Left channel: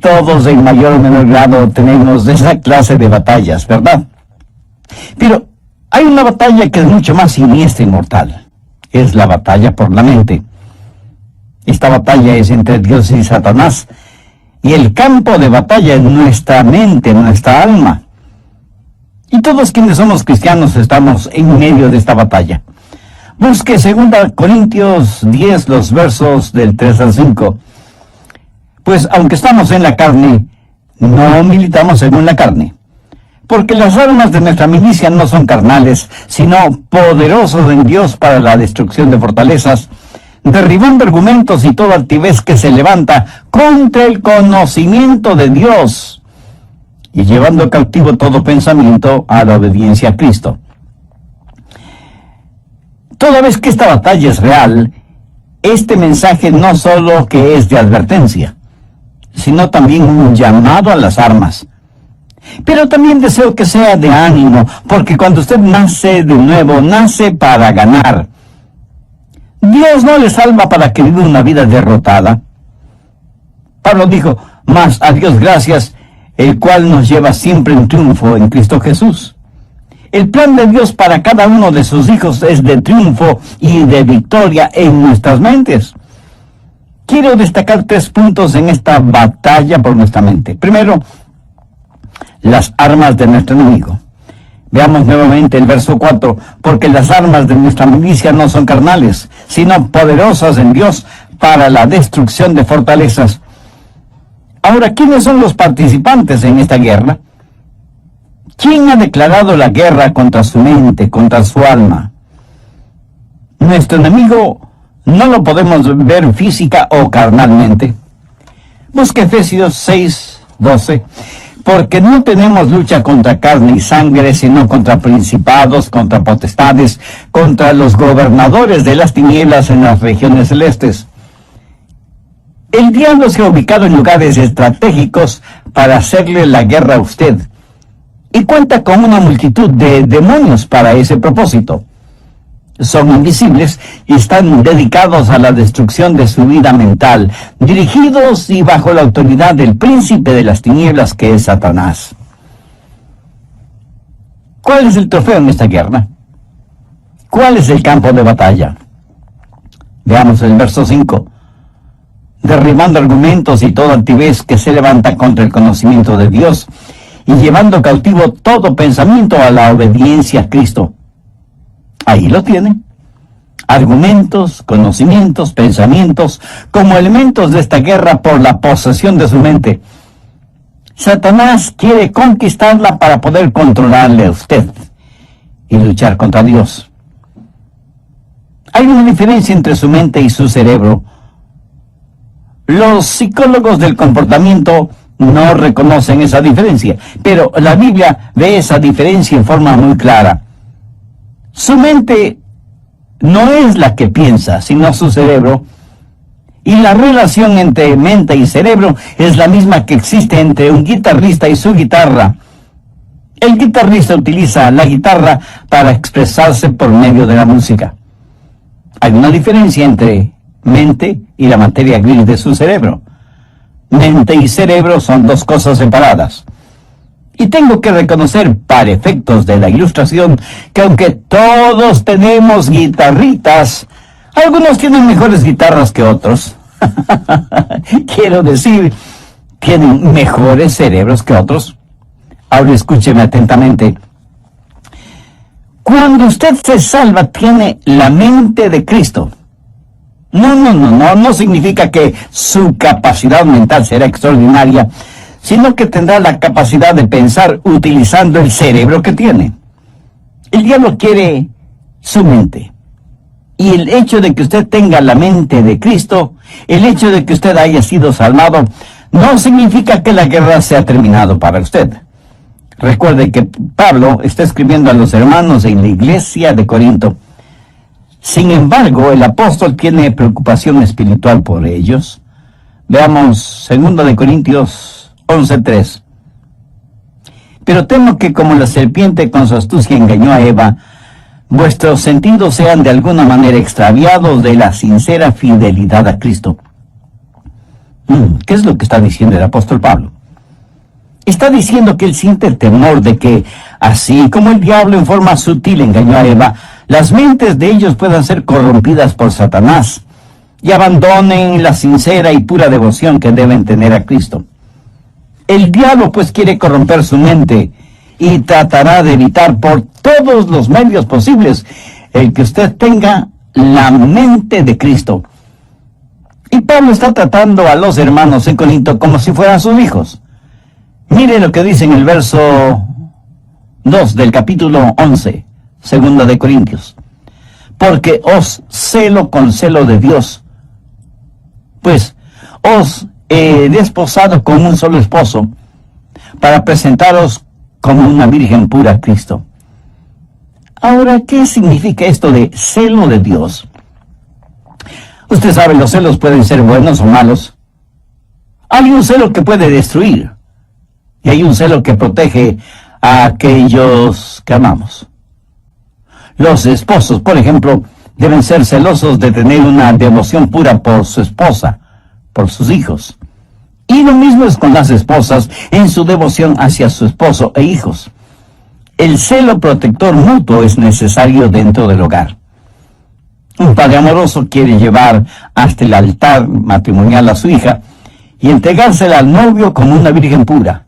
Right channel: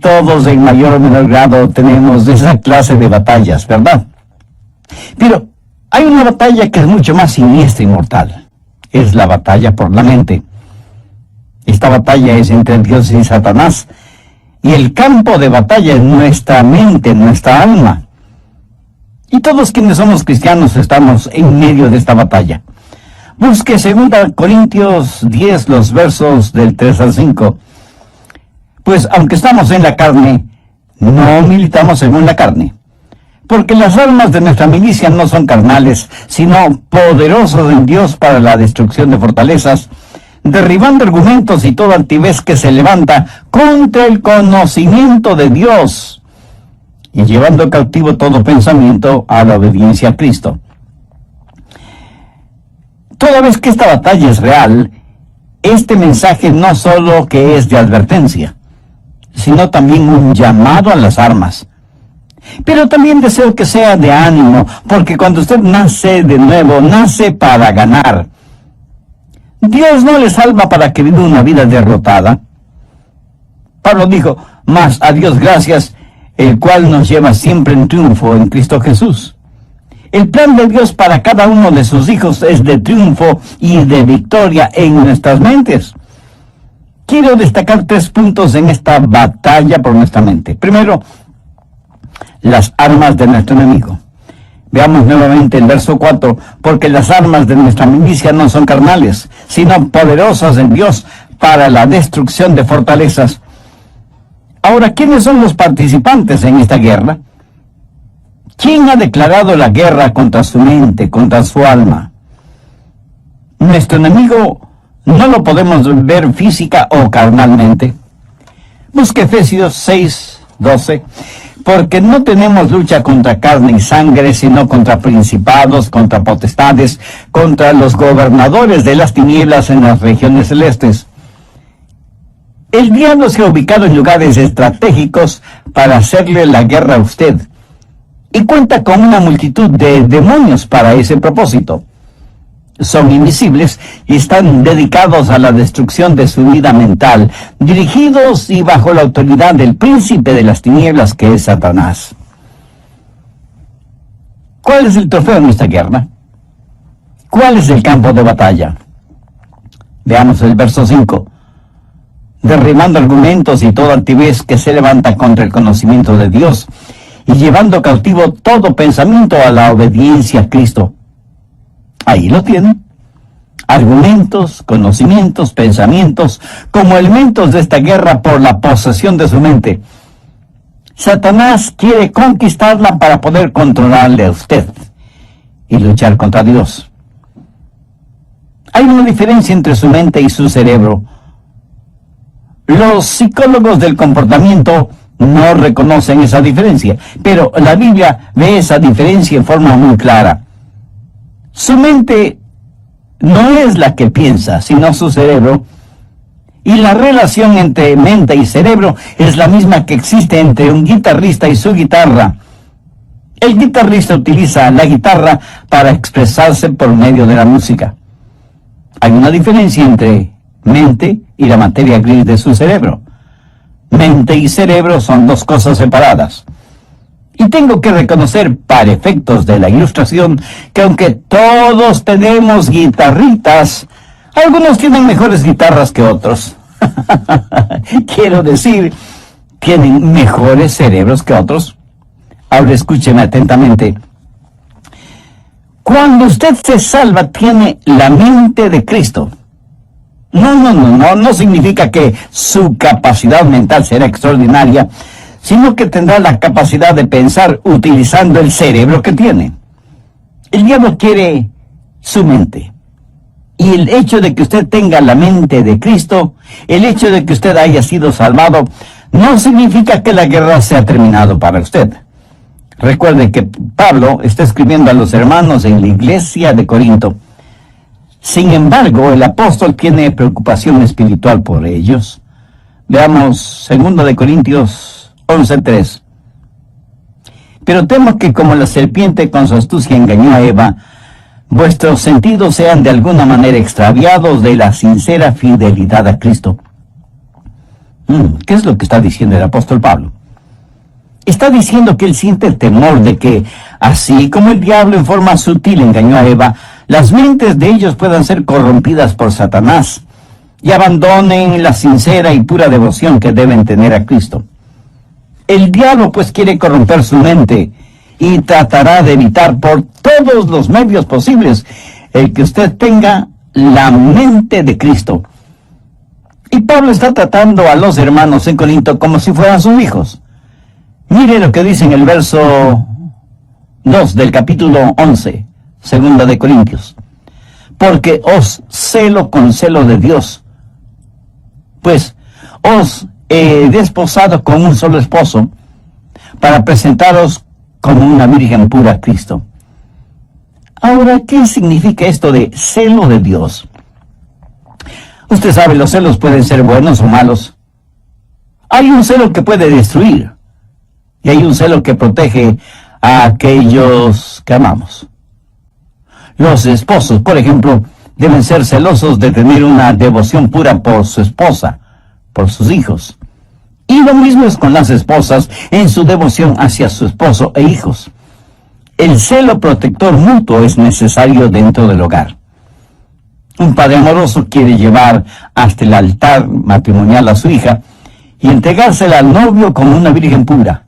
Todos en mayor o menor grado tenemos esa clase de batallas, ¿verdad? Pero hay una batalla que es mucho más siniestra y mortal. Es la batalla por la mente. Esta batalla es entre Dios y Satanás. Y el campo de batalla es nuestra mente, nuestra alma. Y todos quienes somos cristianos estamos en medio de esta batalla. Busque 2 Corintios 10, los versos del 3 al 5. Pues aunque estamos en la carne, no militamos según la carne. Porque las armas de nuestra milicia no son carnales, sino poderosos en Dios para la destrucción de fortalezas, derribando argumentos y toda altivez que se levanta contra el conocimiento de Dios, y llevando cautivo todo pensamiento a la obediencia a Cristo. Toda vez que esta batalla es real, este mensaje no solo que es de advertencia, sino también un llamado a las armas. Pero también deseo que sea de ánimo, porque cuando usted nace de nuevo, nace para ganar. Dios no le salva para que viva una vida derrotada. Pablo dijo, mas a Dios gracias, el cual nos lleva siempre en triunfo en Cristo Jesús. El plan de Dios para cada uno de sus hijos es de triunfo y de victoria en nuestras mentes. Quiero destacar 3 puntos en esta batalla por nuestra mente. Primero, las armas de nuestro enemigo. Veamos nuevamente el verso 4. Porque las armas de nuestra milicia no son carnales, sino poderosas en Dios para la destrucción de fortalezas. Ahora, ¿quiénes son los participantes en esta guerra? ¿Quién ha declarado la guerra contra su mente, contra su alma? Nuestro enemigo no lo podemos ver física o carnalmente. Busque Efesios 6:12. Porque no tenemos lucha contra carne y sangre, sino contra principados, contra potestades, contra los gobernadores de las tinieblas en las regiones celestes. El diablo se ha ubicado en lugares estratégicos para hacerle la guerra a usted, y cuenta con una multitud de demonios para ese propósito. Son invisibles y están dedicados a la destrucción de su vida mental, dirigidos y bajo la autoridad del príncipe de las tinieblas, que es Satanás. ¿Cuál es el trofeo en esta guerra? ¿Cuál es el campo de batalla? Veamos el verso 5. Derribando argumentos y toda altivez que se levanta contra el conocimiento de Dios, y llevando cautivo todo pensamiento a la obediencia a Cristo. Ahí lo tienen. Argumentos, conocimientos, pensamientos, como elementos de esta guerra por la posesión de su mente. Satanás quiere conquistarla para poder controlarle a usted y luchar contra Dios. Hay una diferencia entre su mente y su cerebro. Los psicólogos del comportamiento no reconocen esa diferencia, pero la Biblia ve esa diferencia en forma muy clara. Su mente no es la que piensa, sino su cerebro. Y la relación entre mente y cerebro es la misma que existe entre un guitarrista y su guitarra. El guitarrista utiliza la guitarra para expresarse por medio de la música. Hay una diferencia entre mente y la materia gris de su cerebro. Mente y cerebro son 2 cosas separadas. Y tengo que reconocer, para efectos de la ilustración, que aunque todos tenemos guitarritas, algunos tienen mejores guitarras que otros. Quiero decir, tienen mejores cerebros que otros. Ahora escúcheme atentamente. Cuando usted se salva, tiene la mente de Cristo. No significa que su capacidad mental será extraordinaria, sino que tendrá la capacidad de pensar utilizando el cerebro que tiene. El diablo quiere su mente. Y el hecho de que usted tenga la mente de Cristo, el hecho de que usted haya sido salvado, no significa que la guerra se ha terminado para usted. Recuerde que Pablo está escribiendo a los hermanos en la iglesia de Corinto. Sin embargo, el apóstol tiene preocupación espiritual por ellos. Veamos 2 Corintios 11:3. Pero temo que como la serpiente con su astucia engañó a Eva, vuestros sentidos sean de alguna manera extraviados de la sincera fidelidad a Cristo. ¿Qué es lo que está diciendo el apóstol Pablo? Está diciendo que él siente el temor de que, así como el diablo en forma sutil engañó a Eva, las mentes de ellos puedan ser corrompidas por Satanás y abandonen la sincera y pura devoción que deben tener a Cristo. El diablo pues quiere corromper su mente y tratará de evitar por todos los medios posibles el que usted tenga la mente de Cristo. Y Pablo está tratando a los hermanos en Corinto como si fueran sus hijos. Mire lo que dice en el verso 2 del capítulo 11, segunda de Corintios. Porque os celo con celo de Dios, pues os he desposado con un solo esposo, para presentaros como una virgen pura a Cristo. Ahora, ¿qué significa esto de celo de Dios? Usted sabe, los celos pueden ser buenos o malos. Hay un celo que puede destruir, y hay un celo que protege a aquellos que amamos. Los esposos, por ejemplo, deben ser celosos de tener una devoción pura por su esposa, por sus hijos. Y lo mismo es con las esposas en su devoción hacia su esposo e hijos. El celo protector mutuo es necesario dentro del hogar. Un padre amoroso quiere llevar hasta el altar matrimonial a su hija y entregársela al novio como una virgen pura.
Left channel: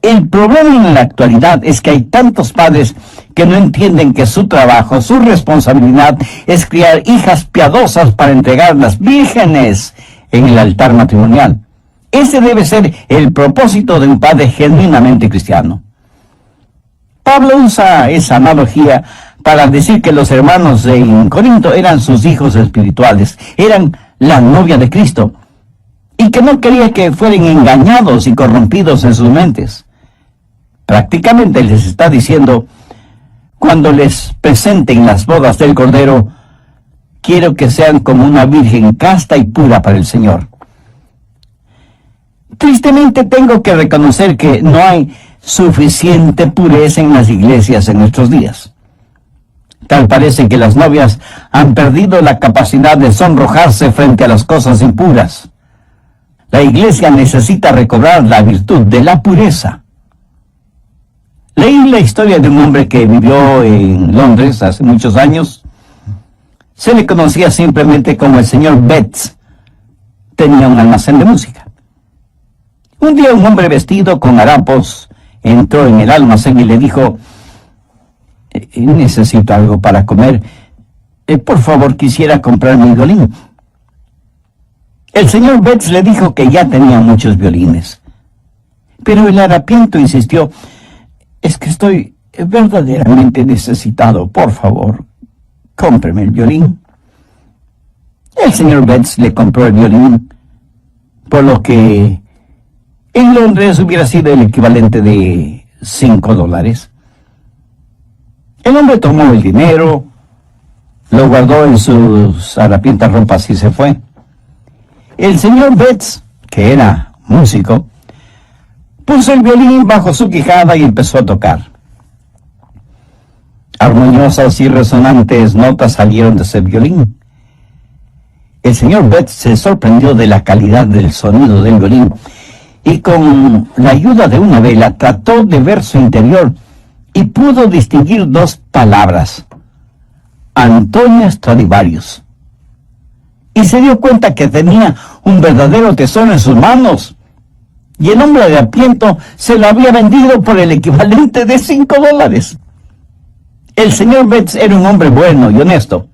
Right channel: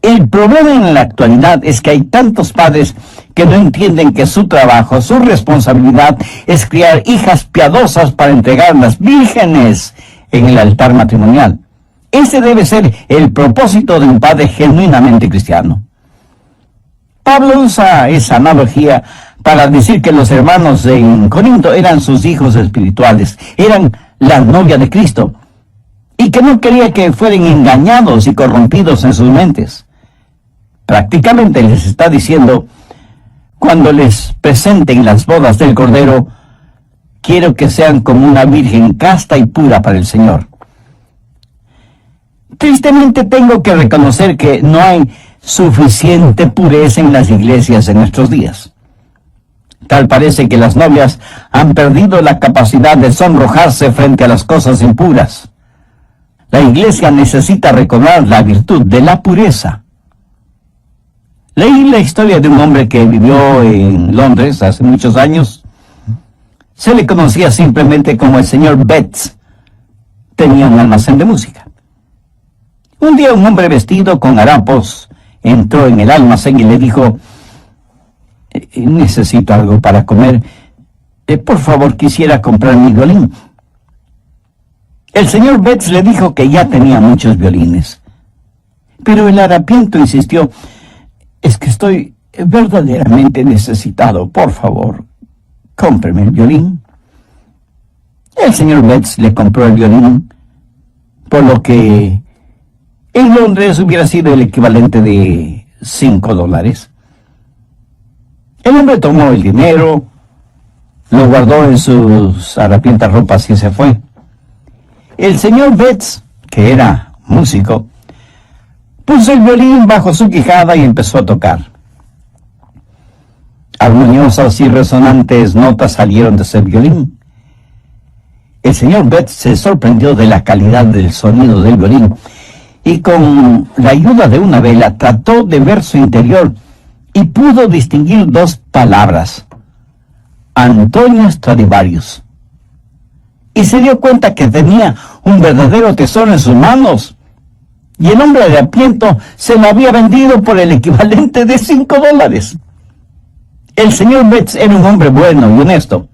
El problema en la actualidad es que hay tantos padres que no entienden que su trabajo, su responsabilidad es criar hijas piadosas para entregarlas vírgenes en el altar matrimonial. Ese debe ser el propósito de un padre genuinamente cristiano. Pablo usa esa analogía para decir que los hermanos en Corinto eran sus hijos espirituales, eran la novia de Cristo, y que no quería que fueran engañados y corrompidos en sus mentes. Prácticamente les está diciendo, cuando les presenten las bodas del Cordero, quiero que sean como una virgen casta y pura para el Señor. Tristemente tengo que reconocer que no hay suficiente pureza en las iglesias en nuestros días. Tal parece que las novias han perdido la capacidad de sonrojarse frente a las cosas impuras. La iglesia necesita recobrar la virtud de la pureza. Leí la historia de un hombre que vivió en Londres hace muchos años. Se le conocía simplemente como el señor Betts. Tenía un almacén de música. Un día un hombre vestido con harapos entró en el almacén y le dijo, necesito algo para comer. Por favor, quisiera comprar mi violín. El señor Betts le dijo que ya tenía muchos violines. Pero el harapiento insistió, es que estoy verdaderamente necesitado. Por favor, cómpreme el violín. El señor Betts le compró el violín, por lo que en Londres hubiera sido el equivalente de $5. El hombre tomó el dinero, lo guardó en sus harapientas ropas y se fue. El señor Betts, que era músico, puso el violín bajo su quijada y empezó a tocar. Armoniosas y resonantes notas salieron de ese violín. El señor Betts se sorprendió de la calidad del sonido del violín y con la ayuda de una vela trató de ver su interior y pudo distinguir dos palabras: Antonio Stradivarius. Y se dio cuenta que tenía un verdadero tesoro en sus manos. Y el hombre harapiento se lo había vendido por el equivalente de $5. El señor Betts era un hombre bueno y honesto.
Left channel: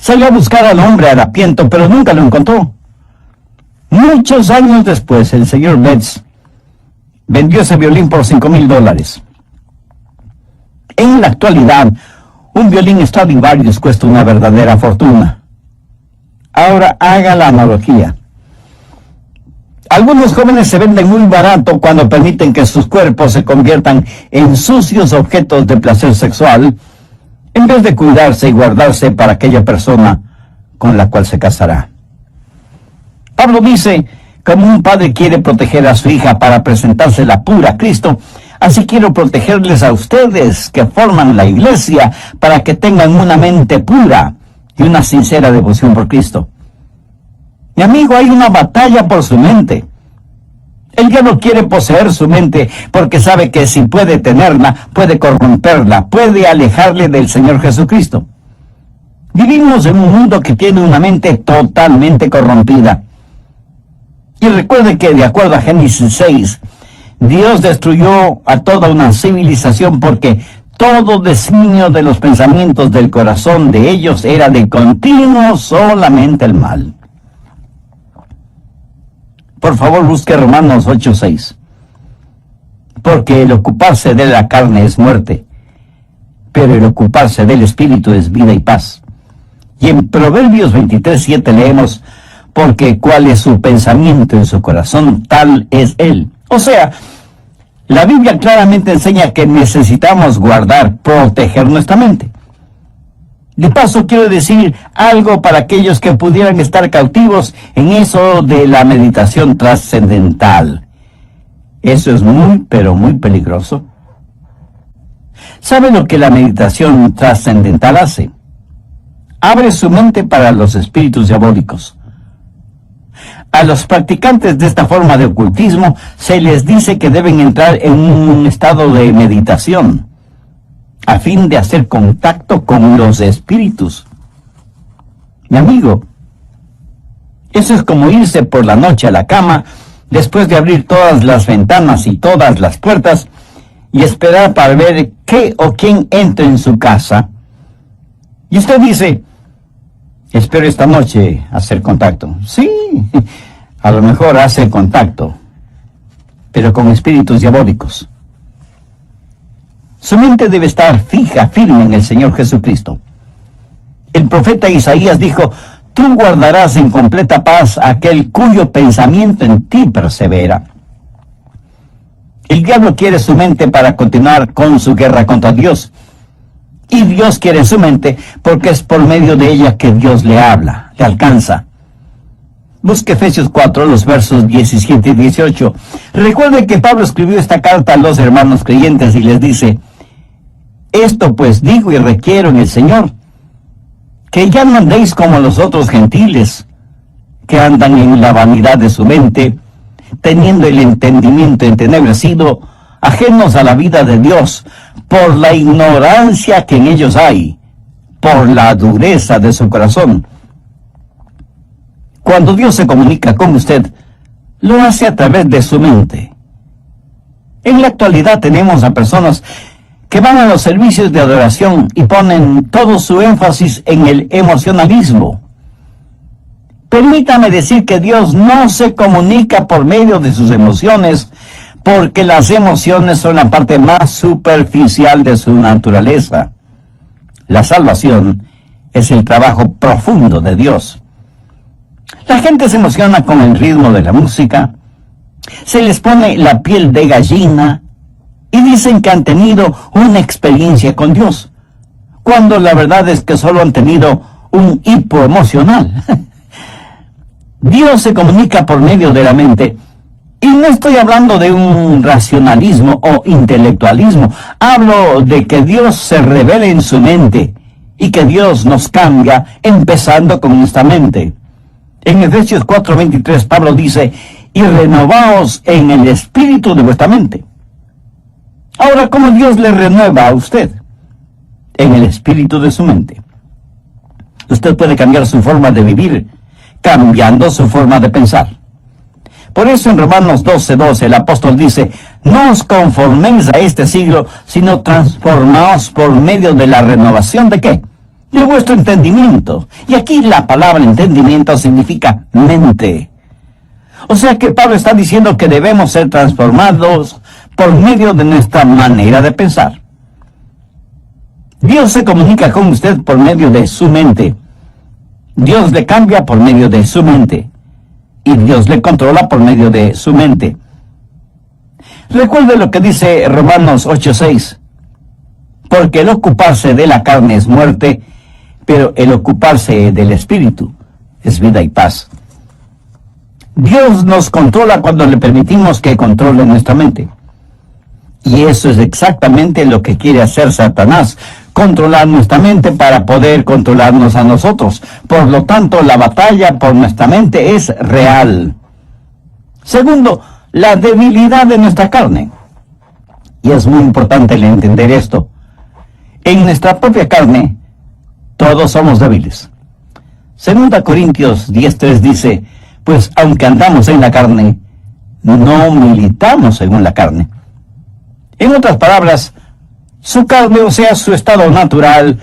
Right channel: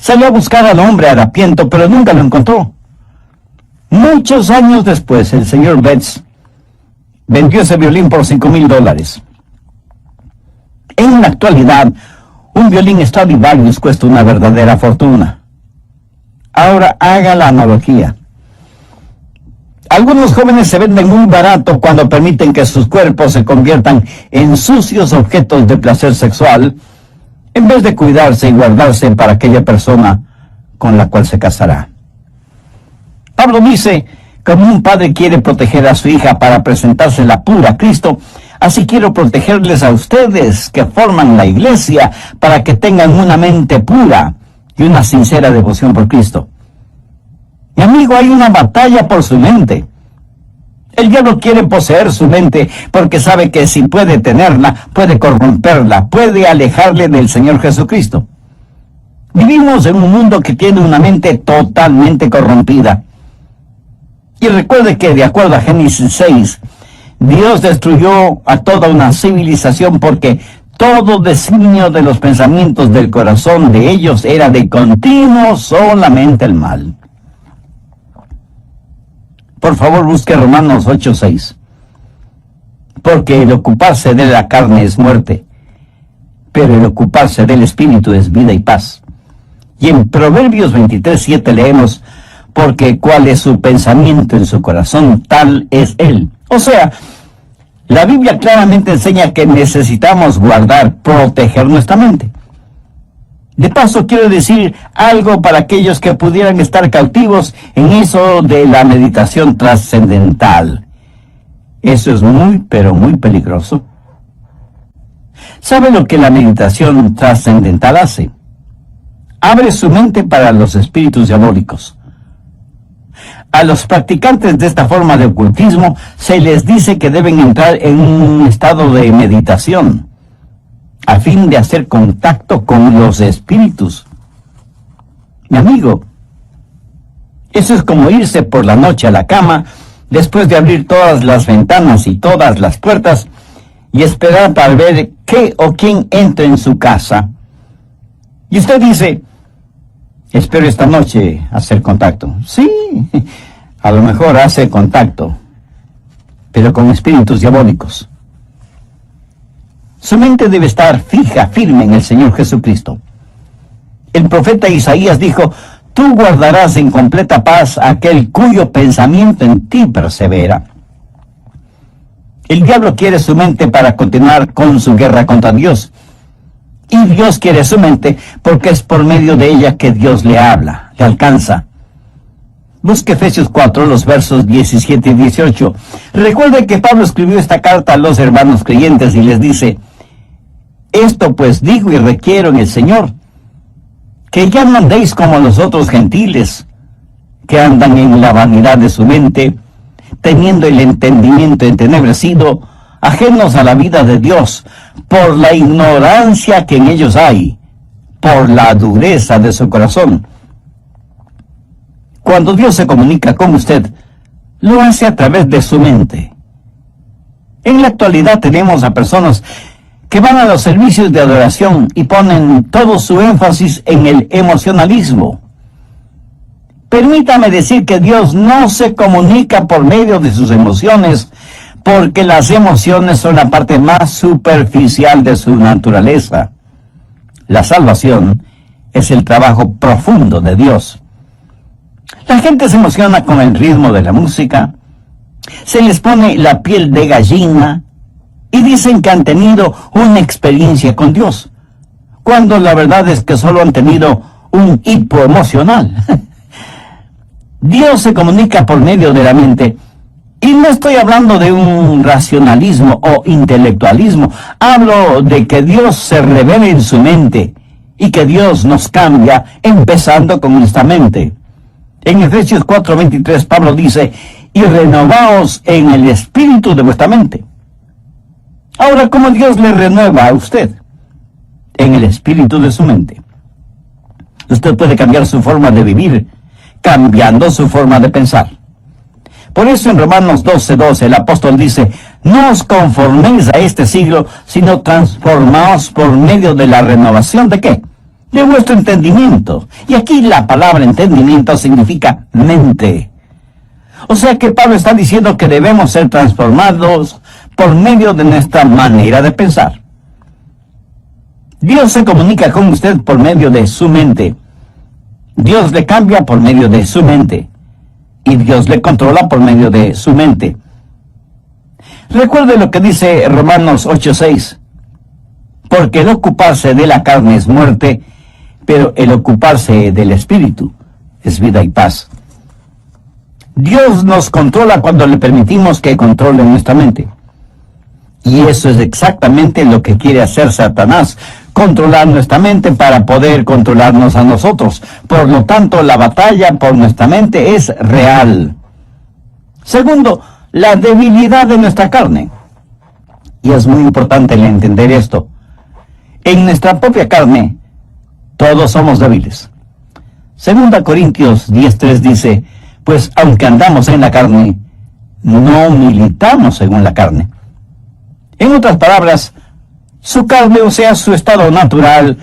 Salió a buscar al hombre harapiento, pero nunca lo encontró. Muchos años después, el señor Betts vendió ese violín por $5,000. En la actualidad, un violín Stradivarius cuesta una verdadera fortuna. Ahora haga la analogía. Algunos jóvenes se venden muy barato cuando permiten que sus cuerpos se conviertan en sucios objetos de placer sexual, en vez de cuidarse y guardarse para aquella persona con la cual se casará. Pablo dice, como un padre quiere proteger a su hija para presentársela pura a Cristo, así quiero protegerles a ustedes que forman la iglesia para que tengan una mente pura y una sincera devoción por Cristo. Mi amigo, hay una batalla por su mente. El diablo quiere poseer su mente porque sabe que si puede tenerla, puede corromperla, puede alejarle del Señor Jesucristo. Vivimos en un mundo que tiene una mente totalmente corrompida. Y recuerde que, de acuerdo a Génesis 6, Dios destruyó a toda una civilización porque todo designio de los pensamientos del corazón de ellos era de continuo solamente el mal. Por favor, busque Romanos 8:6. Porque el ocuparse de la carne es muerte, pero el ocuparse del Espíritu es vida y paz. Y en Proverbios 23:7 leemos, porque cuál es su pensamiento en su corazón, tal es él. O sea, la Biblia claramente enseña que necesitamos guardar, proteger nuestra mente. De paso, quiero decir algo para aquellos que pudieran estar cautivos en eso de la meditación trascendental. Eso es muy, pero muy peligroso. ¿Sabe lo que la meditación trascendental hace? Abre su mente para los espíritus diabólicos. A los practicantes de esta forma de ocultismo se les dice que deben entrar en un estado de meditación a fin de hacer contacto con los espíritus. Mi amigo, eso es como irse por la noche a la cama después de abrir todas las ventanas y todas las puertas y esperar para ver qué o quién entra en su casa. Y usted dice, espero esta noche hacer contacto. Sí, a lo mejor hace contacto, pero con espíritus diabólicos. Su mente debe estar fija, firme en el Señor Jesucristo. El profeta Isaías dijo, tú guardarás en completa paz a aquel cuyo pensamiento en ti persevera. El diablo quiere su mente para continuar con su guerra contra Dios. Y Dios quiere su mente porque es por medio de ella que Dios le habla, le alcanza. Busque Efesios 4, los versos 17 y 18. Recuerde que Pablo escribió esta carta a los hermanos creyentes y les dice, esto pues digo y requiero en el Señor, que ya no andéis como los otros gentiles, que andan en la vanidad de su mente, teniendo el entendimiento entenebrecido, ajenos a la vida de Dios, por la ignorancia que en ellos hay, por la dureza de su corazón. Cuando Dios se comunica con usted, lo hace a través de su mente. En la actualidad tenemos a personas que van a los servicios de adoración y ponen todo su énfasis en el emocionalismo. Permítame decir que Dios no se comunica por medio de sus emociones, porque las emociones son la parte más superficial de su naturaleza. La salvación es el trabajo profundo de Dios. La gente se emociona con el ritmo de la música, se les pone la piel de gallina y dicen que han tenido una experiencia con Dios, cuando la verdad es que solo han tenido un hipo emocional. Dios se comunica por medio de la mente, y no estoy hablando de un racionalismo o intelectualismo, hablo de que Dios se revela en su mente, y que Dios nos cambia empezando con nuestra mente. En Efesios 4:23 Pablo dice, y renovaos en el espíritu de vuestra mente. Ahora, ¿cómo Dios le renueva a usted? En el espíritu de su mente. Usted puede cambiar su forma de vivir, cambiando su forma de pensar. Por eso en Romanos 12:12 el apóstol dice, no os conforméis a este siglo, sino transformaos por medio de la renovación ¿de qué? De vuestro entendimiento. Y aquí la palabra entendimiento significa mente. O sea que Pablo está diciendo que debemos ser transformados por medio de nuestra manera de pensar. Dios se comunica con usted por medio de su mente. Dios le cambia por medio de su mente. Y Dios le controla por medio de su mente. Recuerde lo que dice Romanos 8:6. Porque el ocuparse de la carne es muerte, pero el ocuparse del espíritu es vida y paz. Dios nos controla cuando le permitimos que controle nuestra mente. Y eso es exactamente lo que quiere hacer Satanás, controlar nuestra mente para poder controlarnos a nosotros. Por lo tanto, la batalla por nuestra mente es real. Segundo, la debilidad de nuestra carne. Y es muy importante el entender esto. En nuestra propia carne, todos somos débiles. 2 Corintios 10:3 dice, pues aunque andamos en la carne, no militamos según la carne. En otras palabras, su carne, o sea, su estado natural,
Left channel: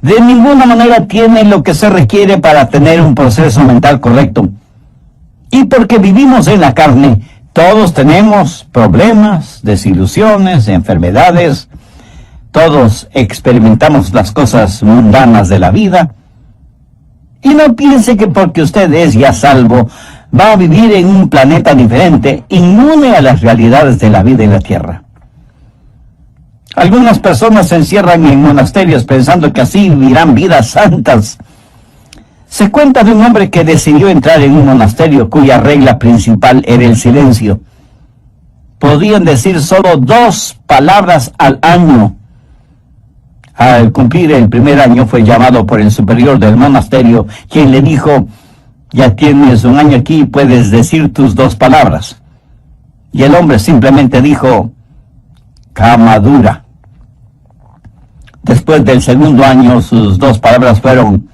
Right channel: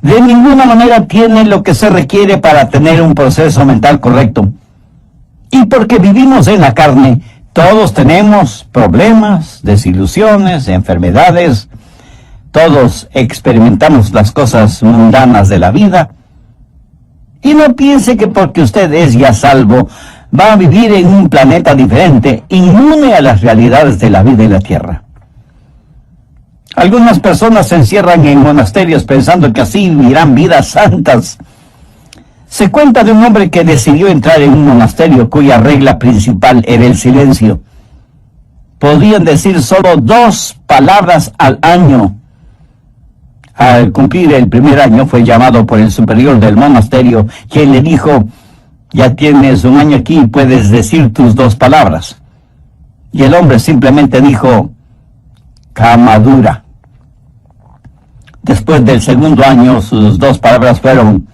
de ninguna manera tiene lo que se requiere para tener un proceso mental correcto. Y porque vivimos en la carne, todos tenemos problemas, desilusiones, enfermedades. Todos experimentamos las cosas mundanas de la vida. Y no piense que porque usted es ya salvo, va a vivir en un planeta diferente, inmune a las realidades de la vida en la tierra. Algunas personas se encierran en monasterios pensando que así vivirán vidas santas. Se cuenta de un hombre que decidió entrar en un monasterio cuya regla principal era el silencio. Podían decir solo 2 palabras al año. Al cumplir el primer año fue llamado por el superior del monasterio, quien le dijo, ya tienes un año aquí y puedes decir tus 2 palabras. Y el hombre simplemente dijo, cama dura. Después del segundo año, sus 2 palabras fueron,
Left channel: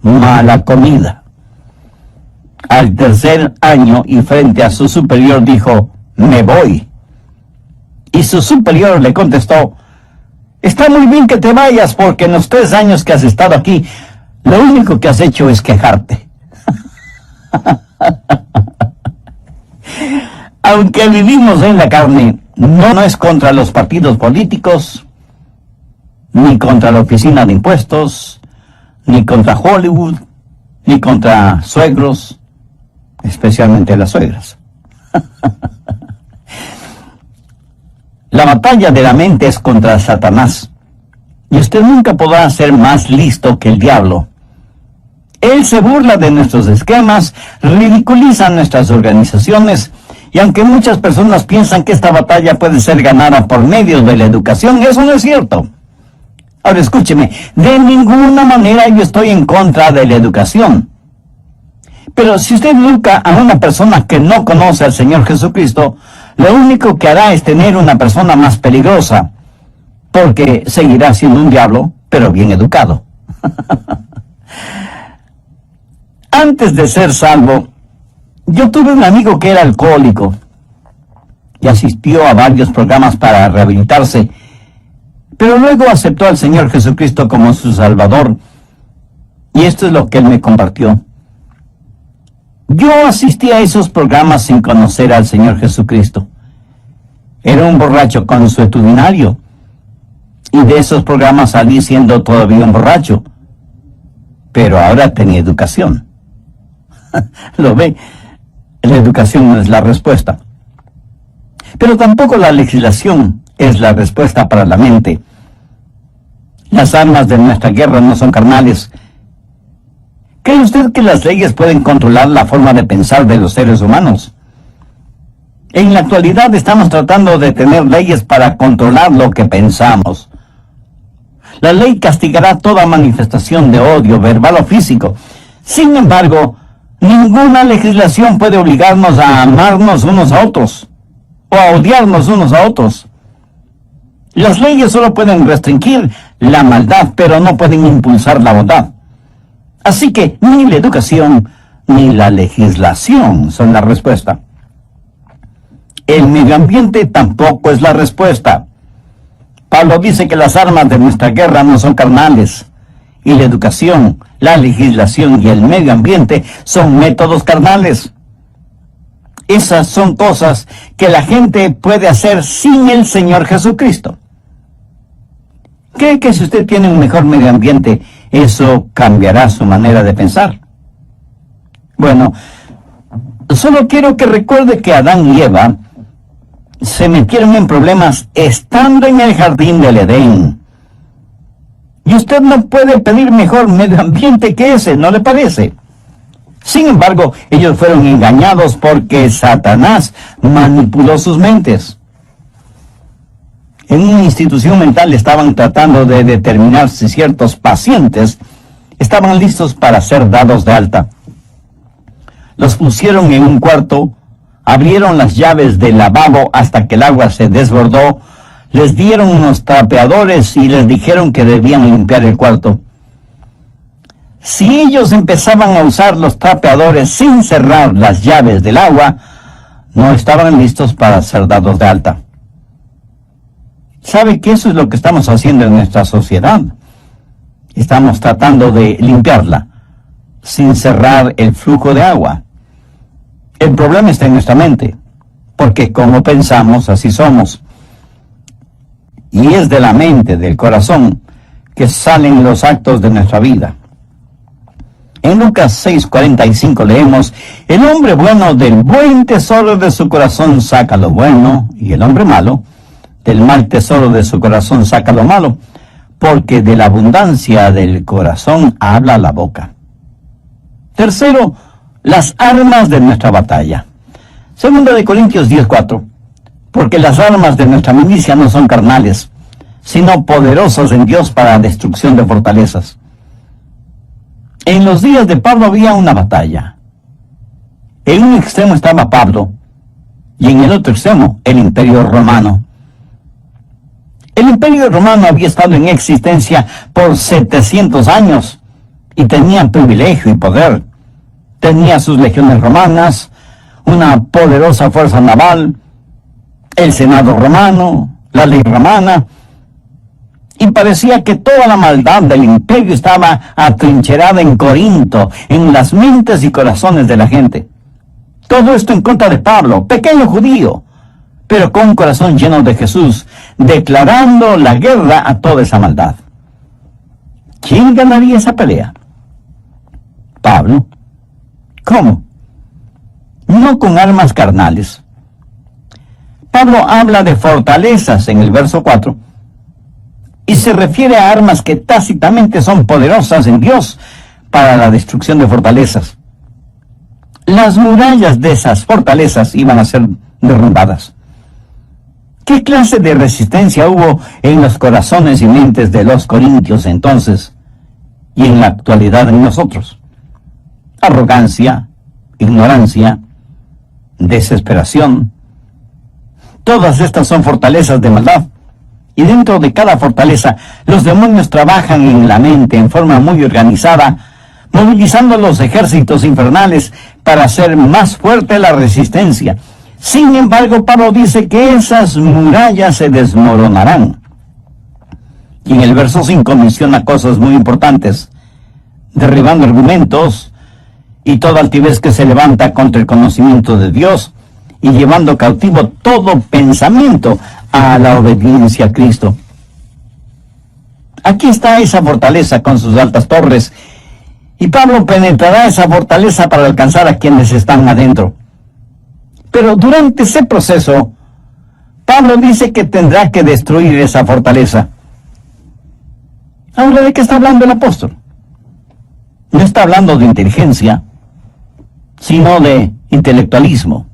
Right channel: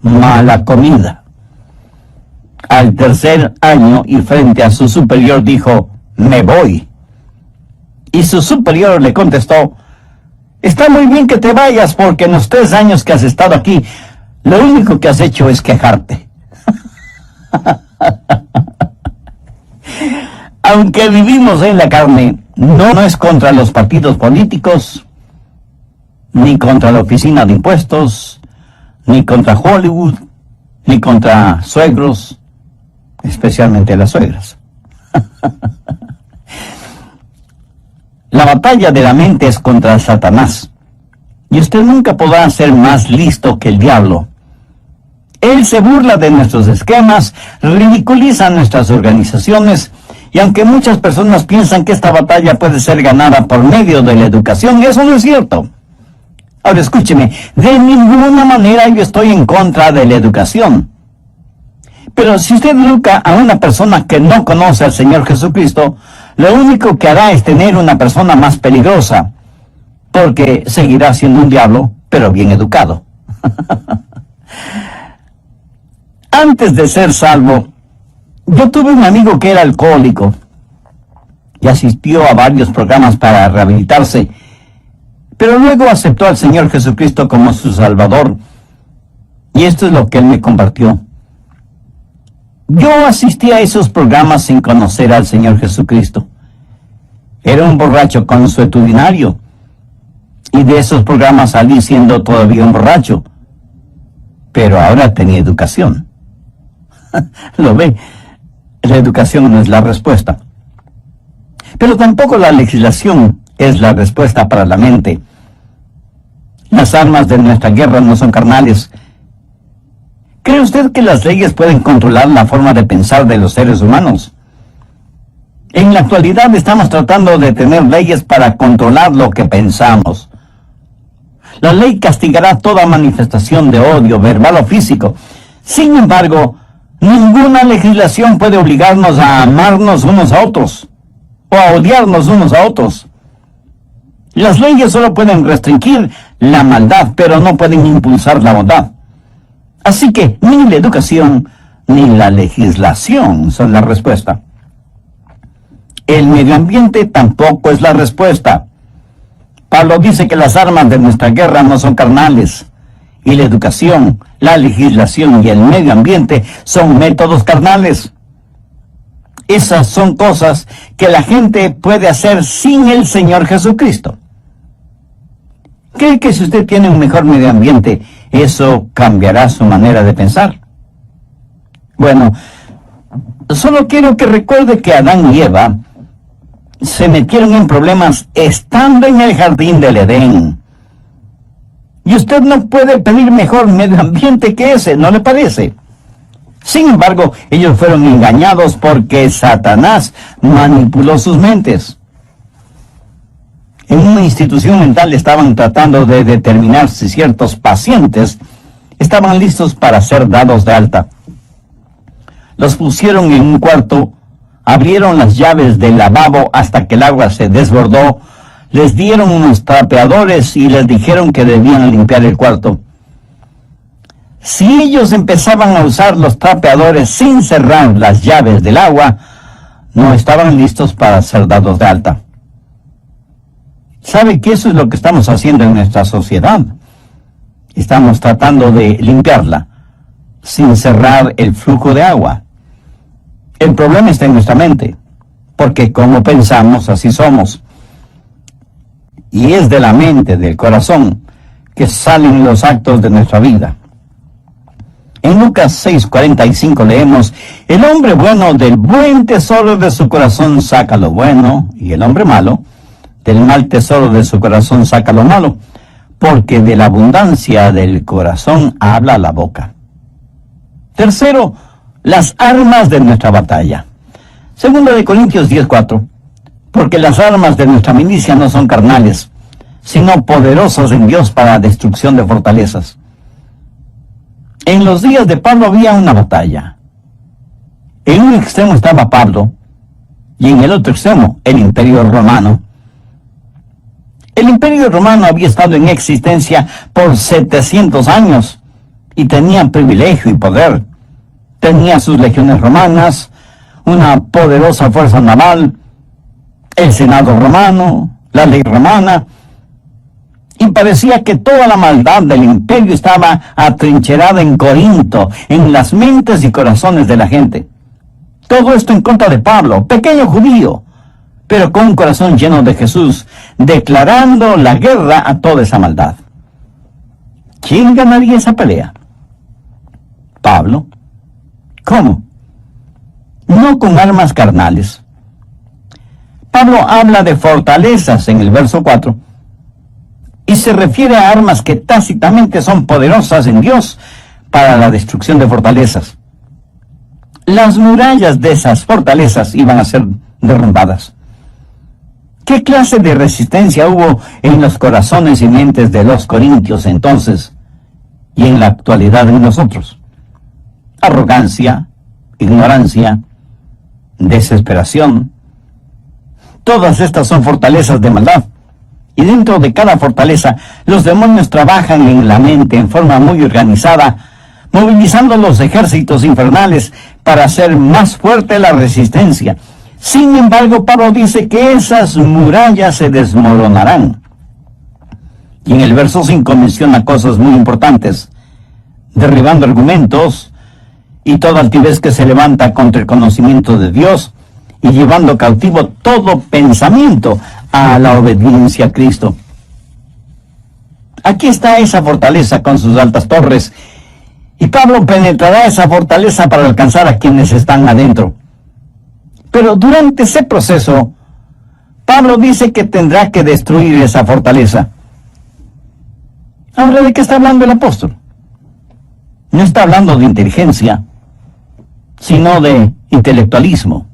mala comida. Al tercer año y frente a su superior dijo, me voy. Y su superior le contestó, está muy bien que te vayas porque en los 3 años que has estado aquí, lo único que has hecho es quejarte. Aunque vivimos en la carne, no es contra los partidos políticos, ni contra la oficina de impuestos, ni contra Hollywood, ni contra suegros, especialmente las suegras. La batalla de la mente es contra Satanás, y usted nunca podrá ser más listo que el diablo. Él se burla de nuestros esquemas, ridiculiza nuestras organizaciones, y aunque muchas personas piensan que esta batalla puede ser ganada por medio de la educación, eso no es cierto. Ahora escúcheme, de ninguna manera yo estoy en contra de la educación. Pero si usted educa a una persona que no conoce al Señor Jesucristo, lo único que hará es tener una persona más peligrosa, porque seguirá siendo un diablo, pero bien educado. Antes de ser salvo, yo tuve un amigo que era alcohólico y asistió a varios programas para rehabilitarse, pero luego aceptó al Señor Jesucristo como su Salvador, y esto es lo que él me compartió. Yo asistí a esos programas sin conocer al Señor Jesucristo. Era un borracho consuetudinario, y de esos programas salí siendo todavía un borracho, pero ahora tenía educación. ¿Lo ve? La educación no es la respuesta. Pero tampoco la legislación es la respuesta para la mente. Las armas de nuestra guerra no son carnales. ¿Cree usted que las leyes pueden controlar la forma de pensar de los seres humanos? En la actualidad estamos tratando de tener leyes para controlar lo que pensamos. La ley castigará toda manifestación de odio, verbal o físico. Sin embargo, ninguna legislación puede obligarnos a amarnos unos a otros o a odiarnos unos a otros. Las leyes solo pueden restringir la maldad, pero no pueden impulsar la bondad. Así que ni la educación ni la legislación son la respuesta. El medio ambiente tampoco es la respuesta. Pablo dice que las armas de nuestra guerra no son carnales, y la educación, la legislación y el medio ambiente son métodos carnales. Esas son cosas que la gente puede hacer sin el Señor Jesucristo. ¿Cree que si usted tiene un mejor medio ambiente, eso cambiará su manera de pensar? Bueno, solo quiero que recuerde que Adán y Eva se metieron en problemas estando en el jardín del Edén. Y usted no puede pedir mejor medio ambiente que ese, ¿no le parece? Sin embargo, ellos fueron engañados porque Satanás manipuló sus mentes. En una institución mental estaban tratando de determinar si ciertos pacientes estaban listos para ser dados de alta. Los pusieron en un cuarto, abrieron las llaves del lavabo hasta que el agua se desbordó, les dieron unos trapeadores y les dijeron que debían limpiar el cuarto. Si ellos empezaban a usar los trapeadores sin cerrar las llaves del agua, no estaban listos para ser dados de alta. ¿Sabe que eso es lo que estamos haciendo en nuestra sociedad? Estamos tratando de limpiarla sin cerrar el flujo de agua. El problema está en nuestra mente, porque como pensamos, así somos. Y es de la mente, del corazón, que salen los actos de nuestra vida. En Lucas 6:45 leemos: el hombre bueno del buen tesoro de su corazón saca lo bueno, y el hombre malo del mal tesoro de su corazón saca lo malo, porque de la abundancia del corazón habla la boca. Tercero, las armas de nuestra batalla. Segunda de Corintios 10:4, porque las armas de nuestra milicia no son carnales, sino poderosas en Dios para la destrucción de fortalezas. En los días de Pablo había una batalla. En un extremo estaba Pablo, y en el otro extremo el Imperio Romano. El Imperio Romano había estado en existencia por 700 años, y tenía privilegio y poder. Tenía sus legiones romanas, una poderosa fuerza naval, el Senado romano, la ley romana, y parecía que toda la maldad del imperio estaba atrincherada en Corinto, en las mentes y corazones de la gente. Todo esto en contra de Pablo, pequeño judío, pero con un corazón lleno de Jesús, declarando la guerra a toda esa maldad. ¿Quién ganaría esa pelea? Pablo. ¿Cómo? No con armas carnales. Pablo habla de fortalezas en el verso 4, y se refiere a armas que tácitamente son poderosas en Dios para la destrucción de fortalezas. Las murallas de esas fortalezas iban a ser derrumbadas. ¿Qué clase de resistencia hubo en los corazones y mentes de los corintios entonces y en la actualidad en nosotros? Arrogancia, ignorancia, desesperación. Todas estas son fortalezas de maldad. Y dentro de cada fortaleza, los demonios trabajan en la mente en forma muy organizada, movilizando los ejércitos infernales para hacer más fuerte la resistencia. Sin embargo, Pablo dice que esas murallas se desmoronarán. Y en el verso 5 menciona cosas muy importantes: derribando argumentos y toda altivez que se levanta contra el conocimiento de Dios, y llevando cautivo todo pensamiento a la obediencia a Cristo. Aquí está esa fortaleza con sus altas torres, y Pablo penetrará esa fortaleza para alcanzar a quienes están adentro. Pero durante ese proceso, Pablo dice que tendrá que destruir esa fortaleza. Ahora, ¿de qué está hablando el apóstol? No está hablando de inteligencia, sino de intelectualismo,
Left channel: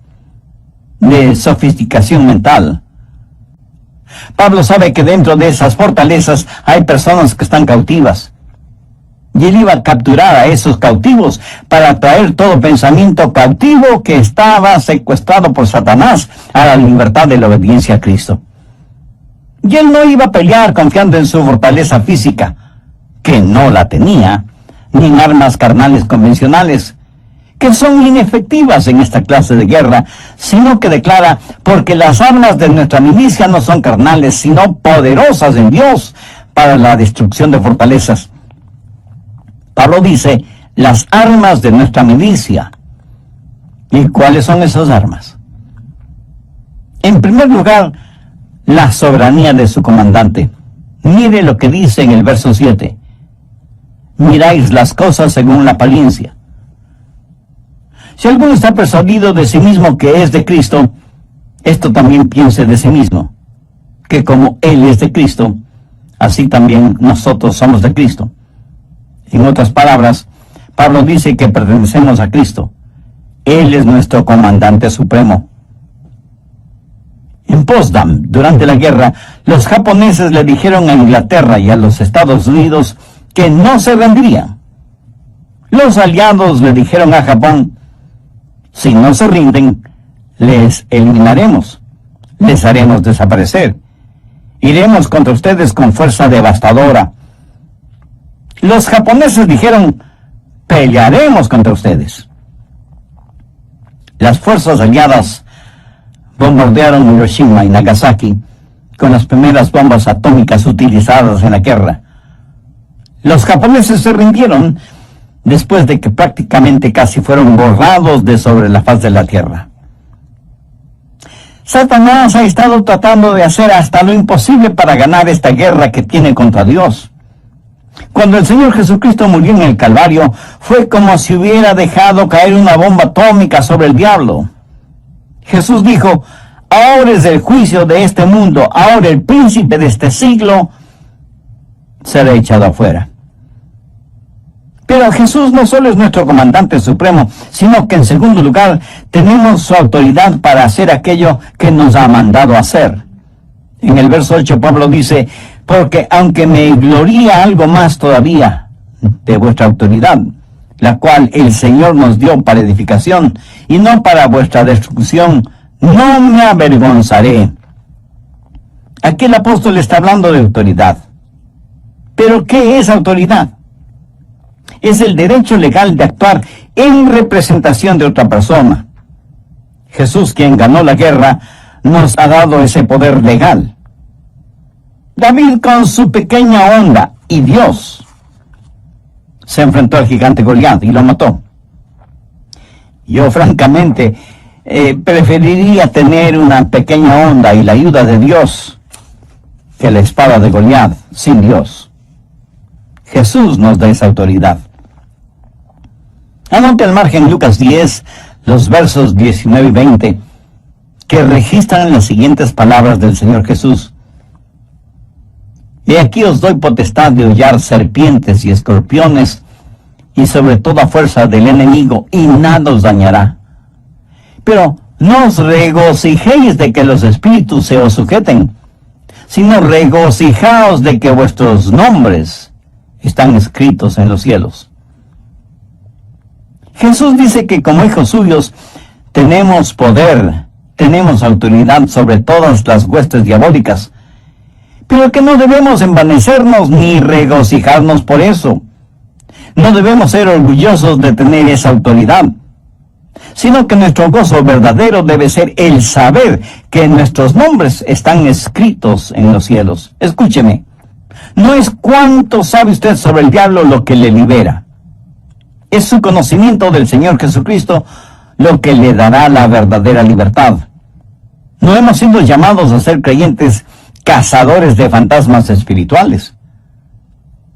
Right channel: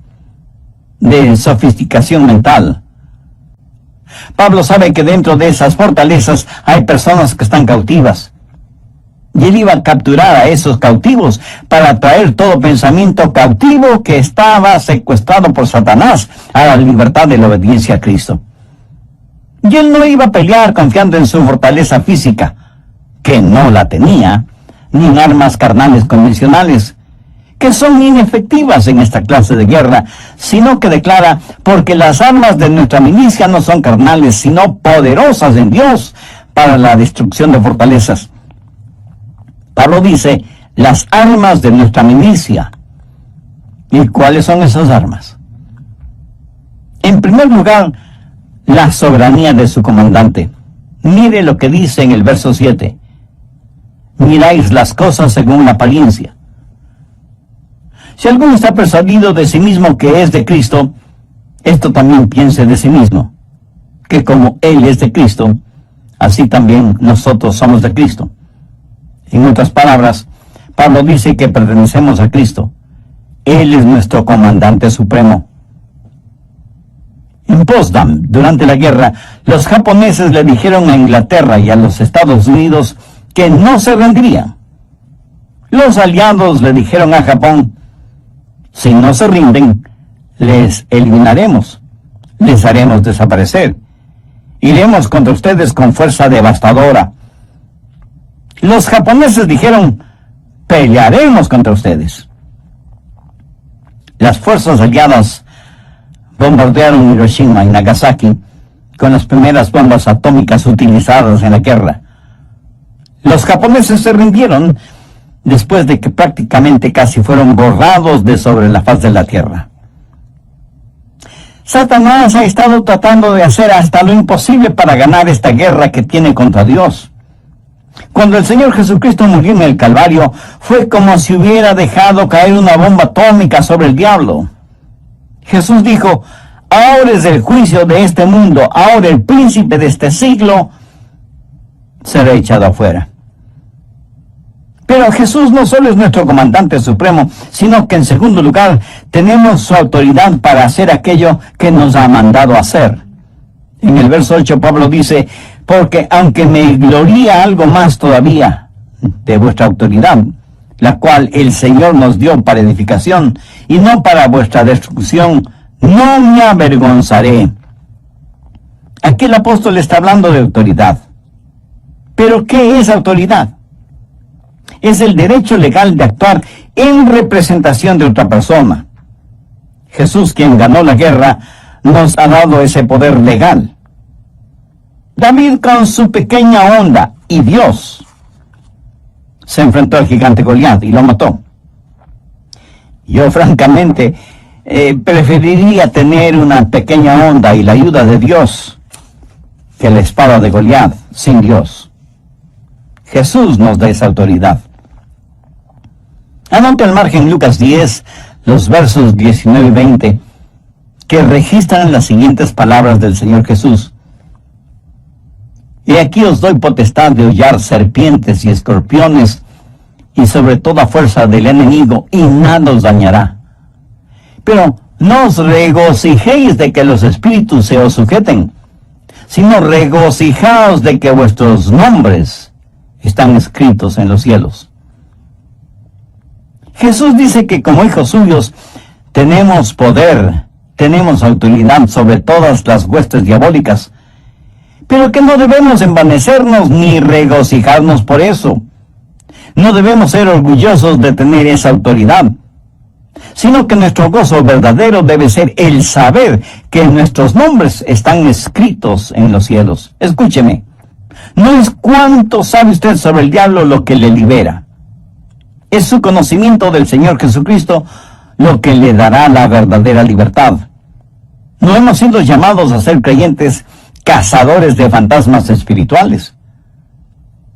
de sofisticación mental. Pablo sabe que dentro de esas fortalezas hay personas que están cautivas, y él iba a capturar a esos cautivos para traer todo pensamiento cautivo que estaba secuestrado por Satanás a la libertad de la obediencia a Cristo. Y él no iba a pelear confiando en su fortaleza física, que no la tenía, ni en armas carnales convencionales, que son inefectivas en esta clase de guerra, sino que declara: porque las armas de nuestra milicia no son carnales, sino poderosas en Dios para la destrucción de fortalezas. Pablo dice: las armas de nuestra milicia. ¿Y cuáles son esas armas? En primer lugar, la soberanía de su comandante. Mire lo que dice en el verso 7. Miráis las cosas según la apariencia. Si alguno está persuadido de sí mismo que es de Cristo, esto también piense de sí mismo, que como Él es de Cristo, así también nosotros somos de Cristo. En otras palabras, Pablo dice que pertenecemos a Cristo. Él es nuestro comandante supremo. En Potsdam, durante la guerra, los japoneses le dijeron a Inglaterra y a los Estados Unidos que no se rendirían. Los aliados le dijeron a Japón: si no se rinden, les eliminaremos, les haremos desaparecer, iremos contra ustedes con fuerza devastadora. Los japoneses dijeron: pelearemos contra ustedes. Las fuerzas aliadas bombardearon Hiroshima y Nagasaki con las primeras bombas atómicas utilizadas en la guerra. Los japoneses se rindieron después de que prácticamente casi fueron borrados de sobre la faz de la tierra. Satanás ha estado tratando de hacer hasta lo imposible para ganar esta guerra que tiene contra Dios. Cuando el Señor Jesucristo murió en el Calvario, fue como si hubiera dejado caer una bomba atómica sobre el diablo. Jesús dijo: ahora es el juicio de este mundo, ahora el príncipe de este siglo será echado afuera. Pero Jesús no solo es nuestro comandante supremo, sino que en segundo lugar tenemos su autoridad para hacer aquello que nos ha mandado hacer. En el verso 8 Pablo dice: porque aunque me gloría algo más todavía de vuestra autoridad, la cual el Señor nos dio para edificación y no para vuestra destrucción, no me avergonzaré. Aquí el apóstol está hablando de autoridad. ¿Pero qué es autoridad? Es el derecho legal de actuar en representación de otra persona. Jesús, quien ganó la guerra, nos ha dado ese poder legal. David, con su pequeña onda, y Dios, se enfrentó al gigante Goliat y lo mató. Yo francamente preferiría tener una pequeña onda y la ayuda de Dios que la espada de Goliat sin Dios. Jesús nos da esa autoridad. Anote al margen Lucas 10, los versos 19 y 20, que registran las siguientes palabras del Señor Jesús. He aquí os doy potestad de hollar serpientes y escorpiones, y sobre toda fuerza del enemigo, y nada os dañará. Pero no os regocijéis de que los espíritus se os sujeten, sino regocijaos de que vuestros nombres están escritos en los cielos. Jesús dice que como hijos suyos tenemos poder, tenemos autoridad sobre todas las huestes diabólicas, pero que no debemos envanecernos ni regocijarnos por eso. No debemos ser orgullosos de tener esa autoridad, sino que nuestro gozo verdadero debe ser el saber que nuestros nombres están escritos en los cielos. Escúcheme, no es cuánto sabe usted sobre el diablo lo que le libera. Es su conocimiento del Señor Jesucristo lo que le dará la verdadera libertad. No hemos sido llamados a ser creyentes cazadores de fantasmas espirituales.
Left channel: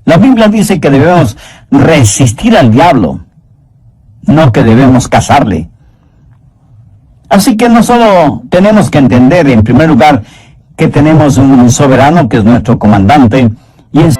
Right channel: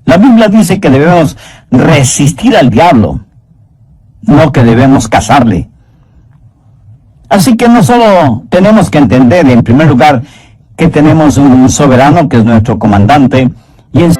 La Biblia dice que debemos resistir al diablo, no que debemos cazarle. Así que no solo tenemos que entender, en primer lugar, que tenemos un soberano que es nuestro comandante, y en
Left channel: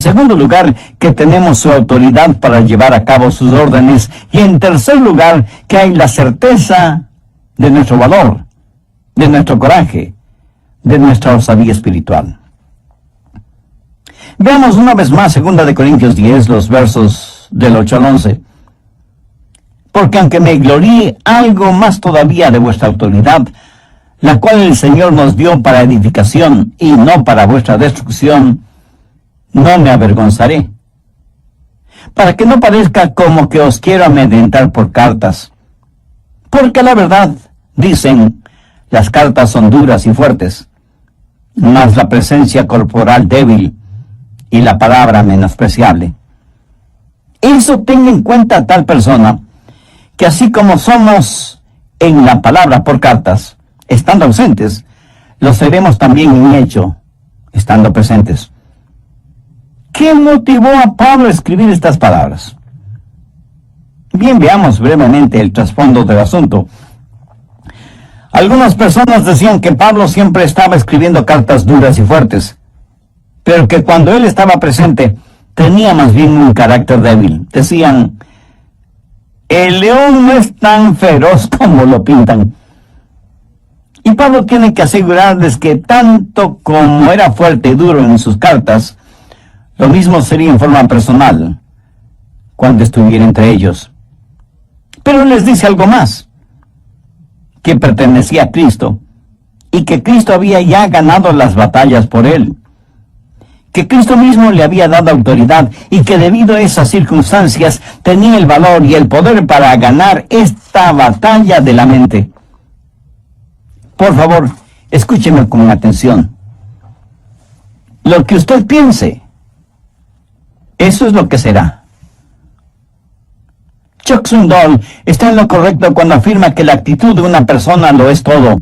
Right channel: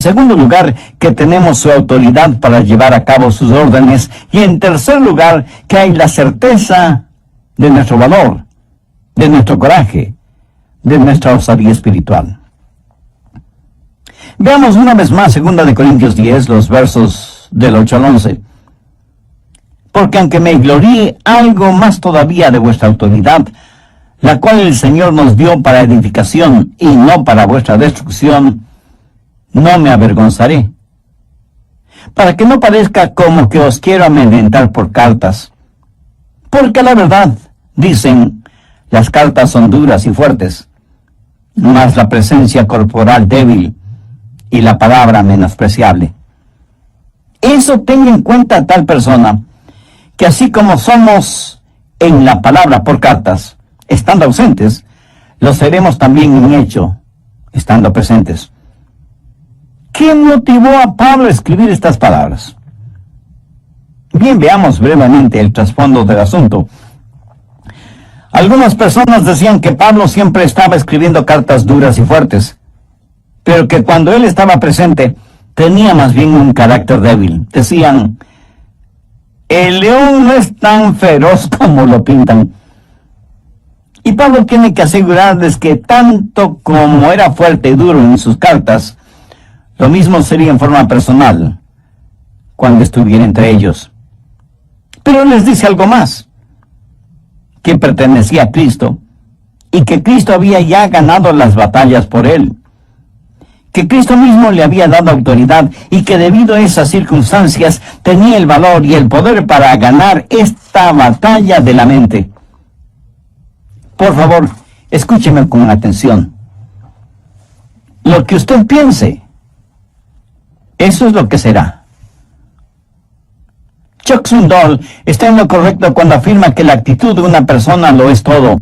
segundo lugar, que tenemos su autoridad para llevar a cabo sus órdenes, y en tercer lugar, que hay la certeza de nuestro valor, de nuestro coraje, de nuestra osadía espiritual. Veamos una vez más 2 Corintios 10, los versos del 8 al 11. Porque aunque me gloríe algo más todavía de vuestra autoridad, la cual el Señor nos dio para edificación y no para vuestra destrucción, no me avergonzaré, para que no parezca como que os quiero amedrentar por cartas. Porque la verdad, dicen, las cartas son duras y fuertes, mas la presencia corporal débil y la palabra menospreciable. Eso tenga en cuenta tal persona, que así como somos en la palabra por cartas, estando ausentes, lo seremos también en hecho, estando presentes. ¿Qué motivó a Pablo a escribir estas palabras? Bien, veamos brevemente el trasfondo del asunto. Algunas personas decían que Pablo siempre estaba escribiendo cartas duras y fuertes, pero que cuando él estaba presente tenía más bien un carácter débil. Decían, el león no es tan feroz como lo pintan. Y Pablo tiene que asegurarles que tanto como era fuerte y duro en sus cartas, lo mismo sería en forma personal, cuando estuviera entre ellos. Pero les dice algo más, que pertenecía a Cristo, y que Cristo había ya ganado las batallas por él, que Cristo mismo le había dado autoridad, y que debido a esas circunstancias tenía el valor y el poder para ganar esta batalla de la mente. Por favor, escúcheme con atención. Lo que usted piense, eso es lo que será. Chuck Swindoll está en lo correcto cuando afirma que la actitud de una persona lo es todo.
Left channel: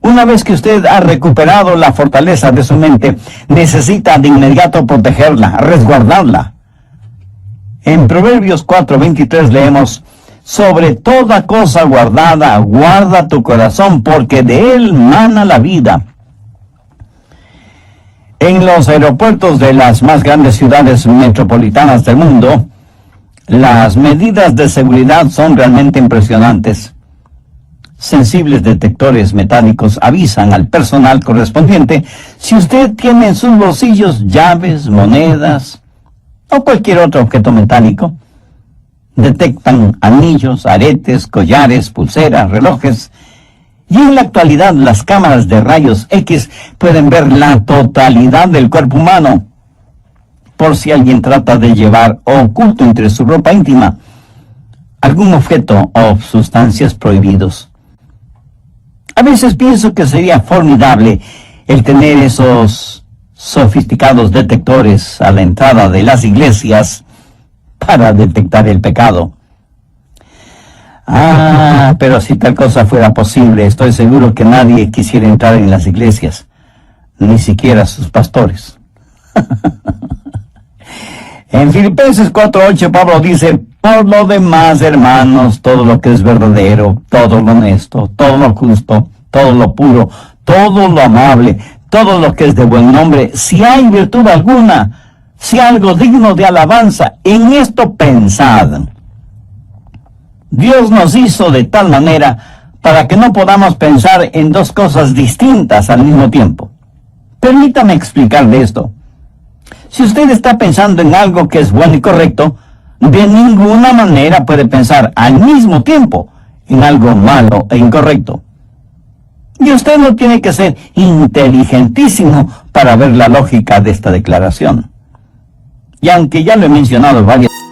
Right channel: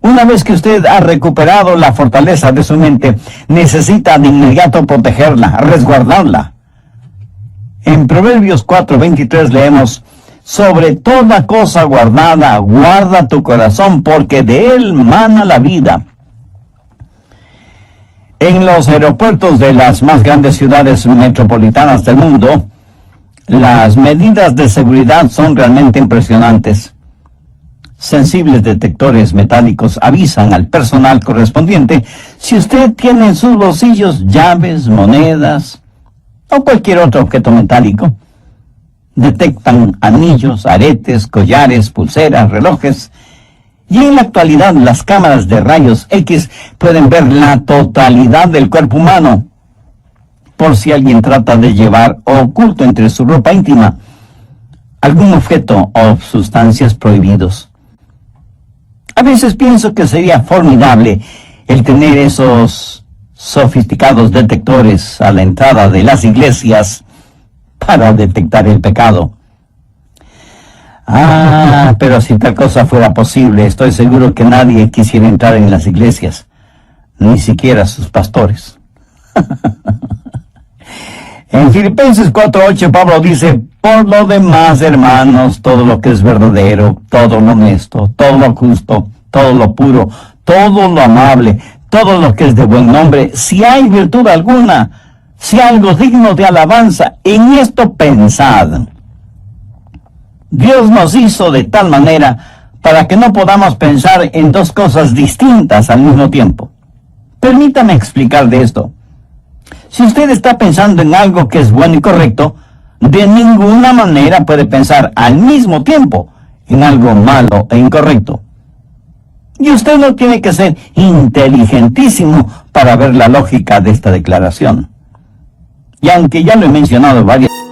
Una vez que usted ha recuperado la fortaleza de su mente, necesita de inmediato protegerla, resguardarla. En Proverbios 4:23 leemos, sobre toda cosa guardada, guarda tu corazón, porque de él mana la vida. En los aeropuertos de las más grandes ciudades metropolitanas del mundo, las medidas de seguridad son realmente impresionantes. Sensibles detectores metálicos avisan al personal correspondiente si usted tiene en sus bolsillos llaves, monedas o cualquier otro objeto metálico. Detectan anillos, aretes, collares, pulseras, relojes. Y en la actualidad las cámaras de rayos X pueden ver la totalidad del cuerpo humano, por si alguien trata de llevar oculto entre su ropa íntima algún objeto o sustancias prohibidos. A veces pienso que sería formidable el tener esos sofisticados detectores a la entrada de las iglesias para detectar el pecado. Pero si tal cosa fuera posible, estoy seguro que nadie quisiera entrar en las iglesias, ni siquiera sus pastores. En Filipenses 4:8 Pablo dice, por lo demás, hermanos, todo lo que es verdadero, todo lo honesto, todo lo justo, todo lo puro, todo lo amable, todo lo que es de buen nombre, si hay virtud alguna, si algo digno de alabanza, en esto pensad. Dios nos hizo de tal manera para que no podamos pensar en dos cosas distintas al mismo tiempo. Permítame explicar de esto. Si usted está pensando en algo que es bueno y correcto, de ninguna manera puede pensar al mismo tiempo en algo malo e incorrecto. Y usted no tiene que ser inteligentísimo para ver la lógica de esta declaración. Y aunque ya lo he mencionado varias veces,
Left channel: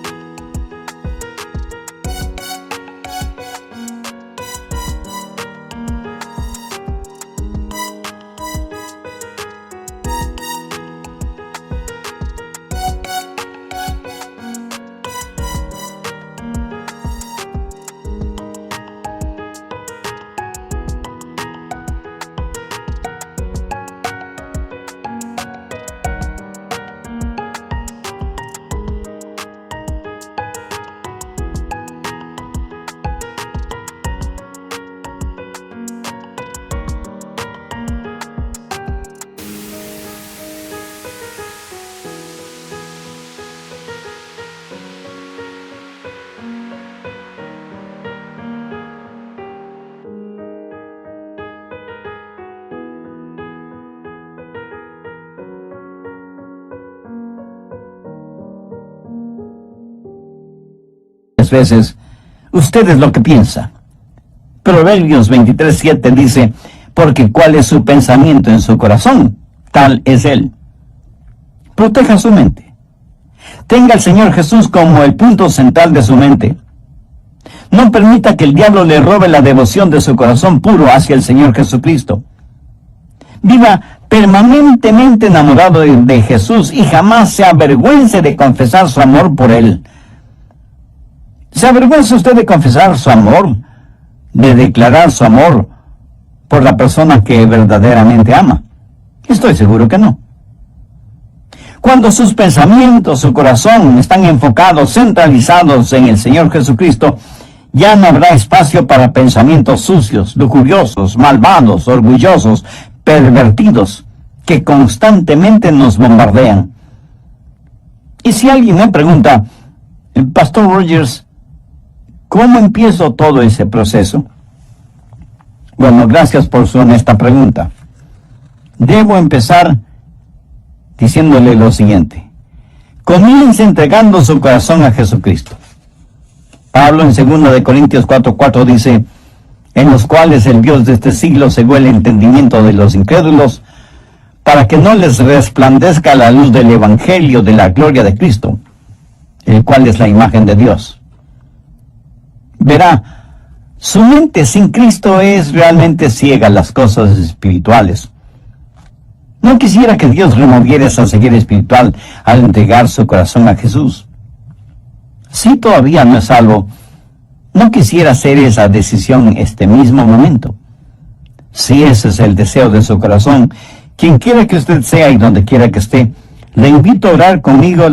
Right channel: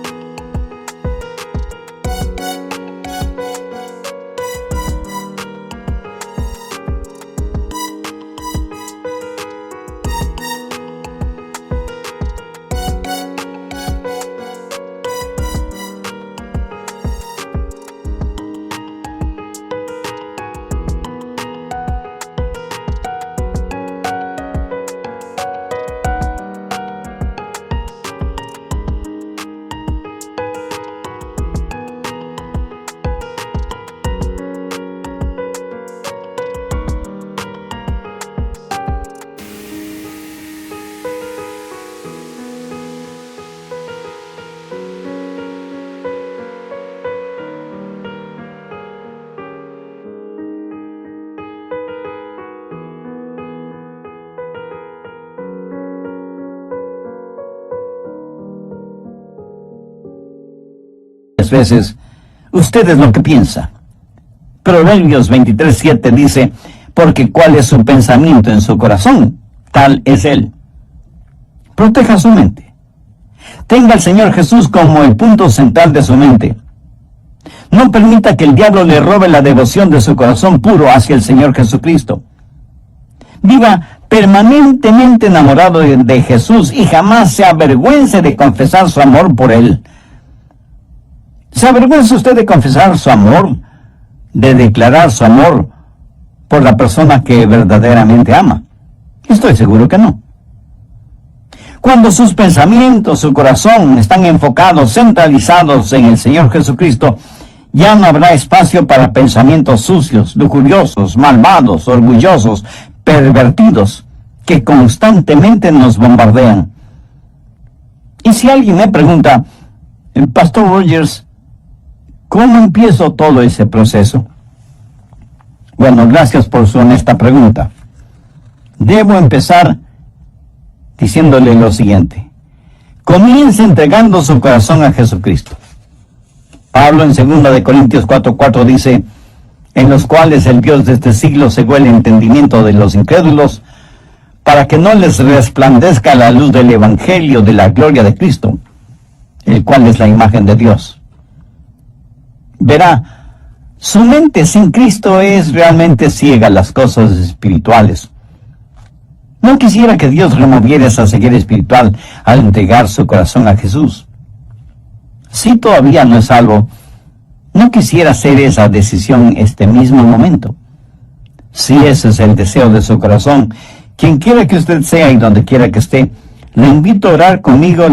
muchas veces usted es lo que piensa. Proverbios 23:7 dice, porque cuál es su pensamiento en su corazón, tal es él. Proteja su mente. Tenga al Señor Jesús como el punto central de su mente. No permita que el diablo le robe la devoción de su corazón puro hacia el Señor Jesucristo. Viva permanentemente enamorado de Jesús y jamás se avergüence de confesar su amor por Él. ¿Se avergüenza usted de confesar su amor, de declarar su amor por la persona que verdaderamente ama? Estoy seguro que no. Cuando sus pensamientos, su corazón están enfocados, centralizados en el Señor Jesucristo, ya no habrá espacio para pensamientos sucios, lujuriosos, malvados, orgullosos, pervertidos, que constantemente nos bombardean. Y si alguien me pregunta, Pastor Rogers, ¿cómo empiezo todo ese proceso? Bueno, gracias por su honesta pregunta. Debo empezar diciéndole lo siguiente. Comience entregando su corazón a Jesucristo. Pablo en 2 Corintios 4:4 dice, en los cuales el Dios de este siglo cegó el entendimiento de los incrédulos, para que no les resplandezca la luz del Evangelio de la gloria de Cristo, el cual es la imagen de Dios. Verá, su mente sin Cristo es realmente ciega a las cosas espirituales. No quisiera que Dios removiera esa ceguera espiritual al entregar su corazón a Jesús. Si todavía no es salvo, no quisiera hacer esa decisión este mismo momento. Si ese es el deseo de su corazón, quien quiera que usted sea y donde quiera que esté, le invito a orar conmigo.